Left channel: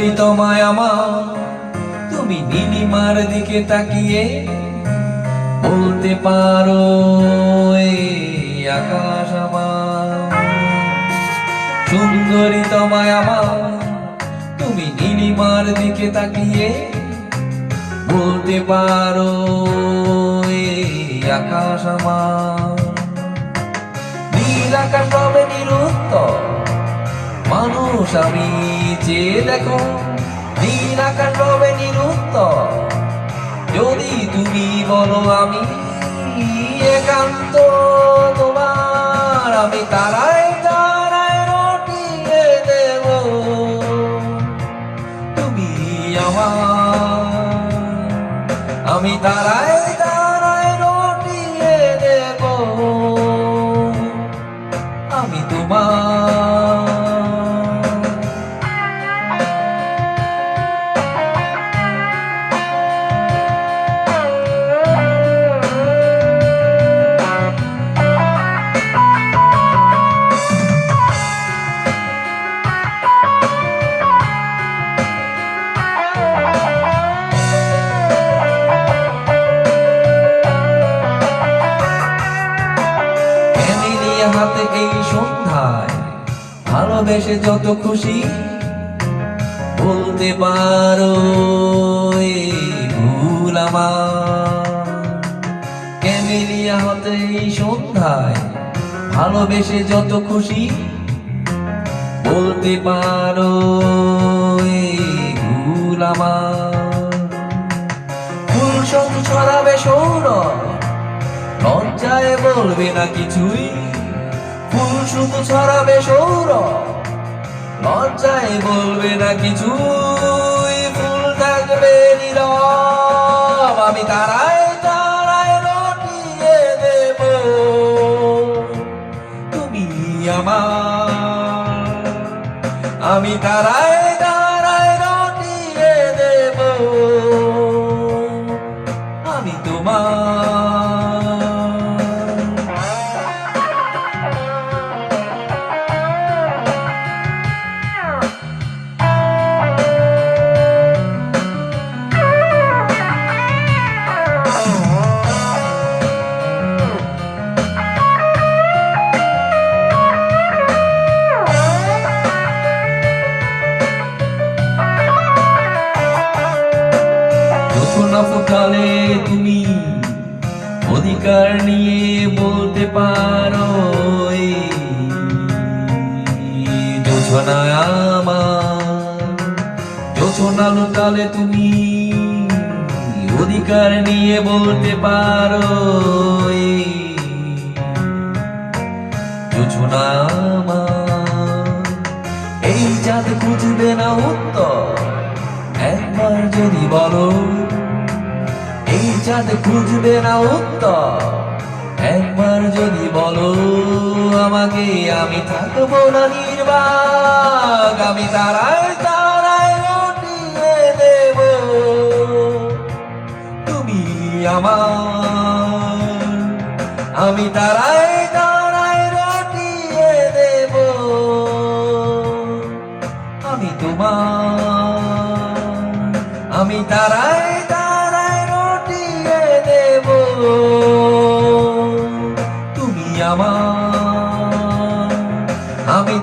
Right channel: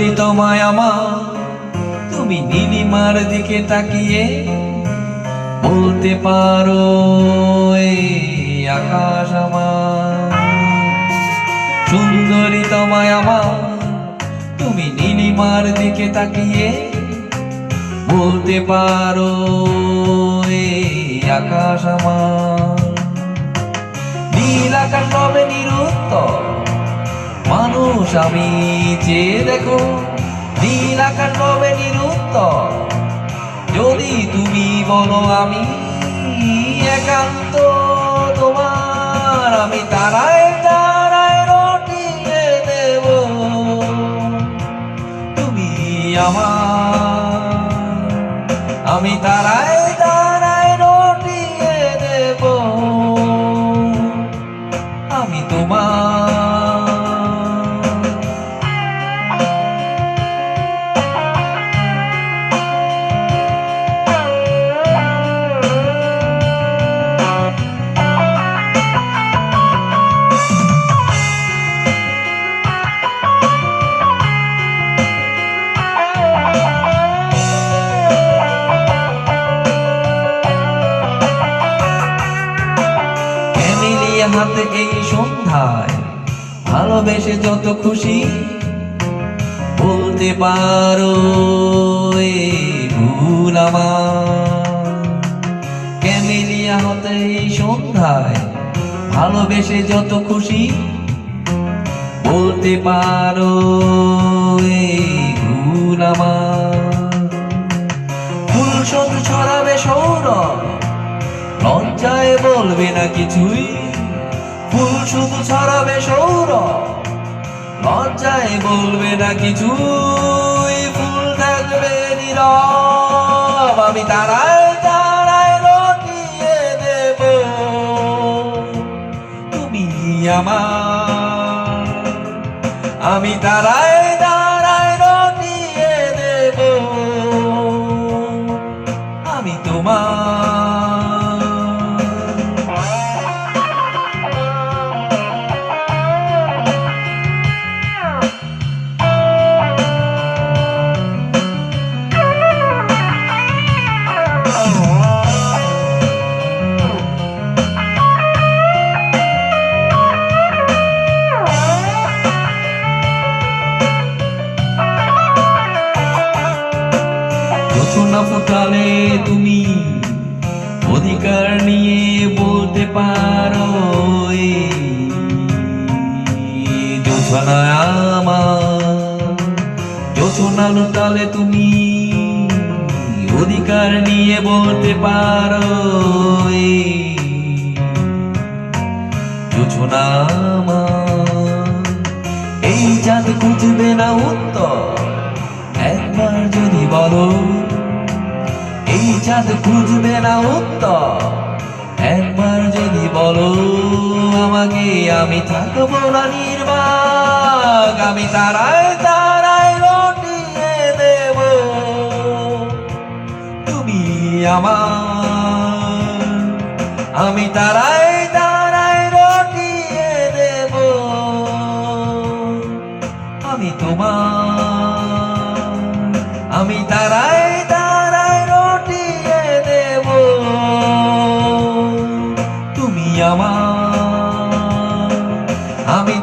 সুন্দরী তোমায় আমার, তুমি নীলিমার দিকে তাকিয়ে বলতে পারো এই আকাশ আমার। সুন্দরী তোমায় আমার, তুমি নীলিমার দিকে তাকিয়ে বলতে পারো এই আকাশ আমার। নীল আকাশ রবে নিরুত্তর, মানুষ আমি চেয়ে দেখো। নীল আকাশ রবে নিরুত্তর, যদি তুমি বলো আমি একান্ত তোমার। আমি তারায় তারায় রটিয়ে দেব, তুমি আমার। আমি তারায় তারায় রটিয়ে দেব, আমি তোমার। হাতে এই সন্ধ্যায় ভালোবেসে যত খুশি বলতে পারো এই ভুল আমার। ক্যামেলিয়া হতে এই সন্ধ্যায় ভালোবেসে যত খুশি বলতে পারো এই ভুল আমার। ফুল সব ছড়াবে সৌরভ, লজ্জায় বলবে না কিছুই। ফুল শুধু ছড়াবে সৌরভ, লজ্জায় বলবে না কিছুই। ফুল থাকবে নীরব, আমি তারায় তারায় রটিয়ে দেব, তুমি আমার। আমি তারায় তারায় রটিয়ে দেব, আমি তোমার। জোছনা ফোটালে তুমি অধিকার নিয়ে বলতে পারো জোছনা আমার। জোছনা লুটালে তুমি অধিকার নিয়ে বলতে পারো জোছনা আমার। এই চাঁদ খুঁজবে না উত্তর, একবার যদি বলো। এই চাঁদ খুঁজবে না উত্তর, একবার যদি বলো আমাকে। আমি থাকবো না নির্বাক, আমি তারায় তারায় রটিয়ে দেব, তুমি আমার। আমি তারায় তারায় রটিয়ে দেব, আমি তোমার। আমি তারায় তারায় রটিয়ে দেব, তুমি আমার। আমি